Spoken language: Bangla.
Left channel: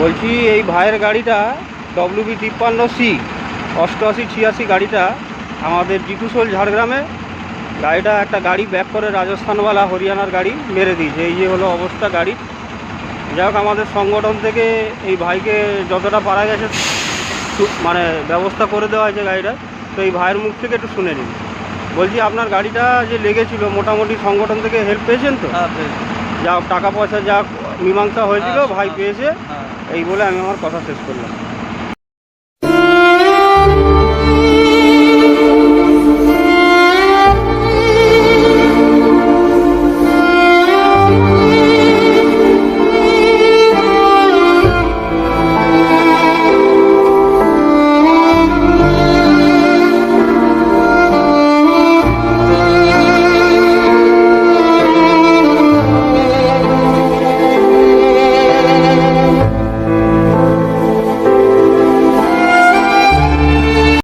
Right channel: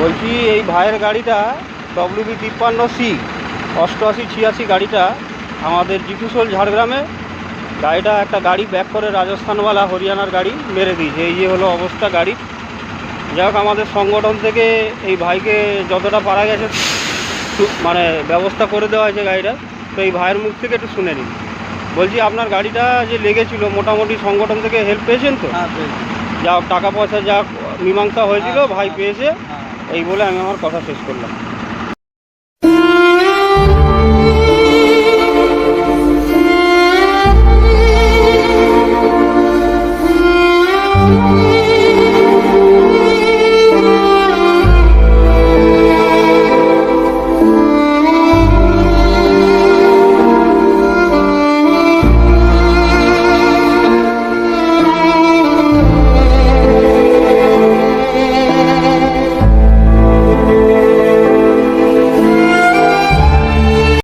বলছি এই ভাইয়ের গাড়িটা WB53C 8886 গাড়িটা আমাদের জিতুসোল ঝাড়গ্রামে গাড়িটা একটা গাড়ি ব্যাক করে রাজস্থানওয়ালা হরিয়ানার গাড়ি মেরে দিয়েছে। এই যে হলো অবস্থা গাড়ি। যাই হোক আমাদের সংগঠন থেকে এই ভাইকে যতটা পারা গেছে মানে ব্যবস্থা করে দেওয়া হয়েছে গাড়িটা। তো এই ভাইয়ের মুখ থেকে একটু শুনে নিন। বলছি আপনার গাড়িটা যে লেগেছিল মোটামুটি সংগঠন থেকে হেল্প পেয়েছেন তো? যা টাকা পয়সা যা মীমাংসা হয়েছিল ভাই পেয়েছে। এই বলে আমি আমার কথা শেষ করলাম।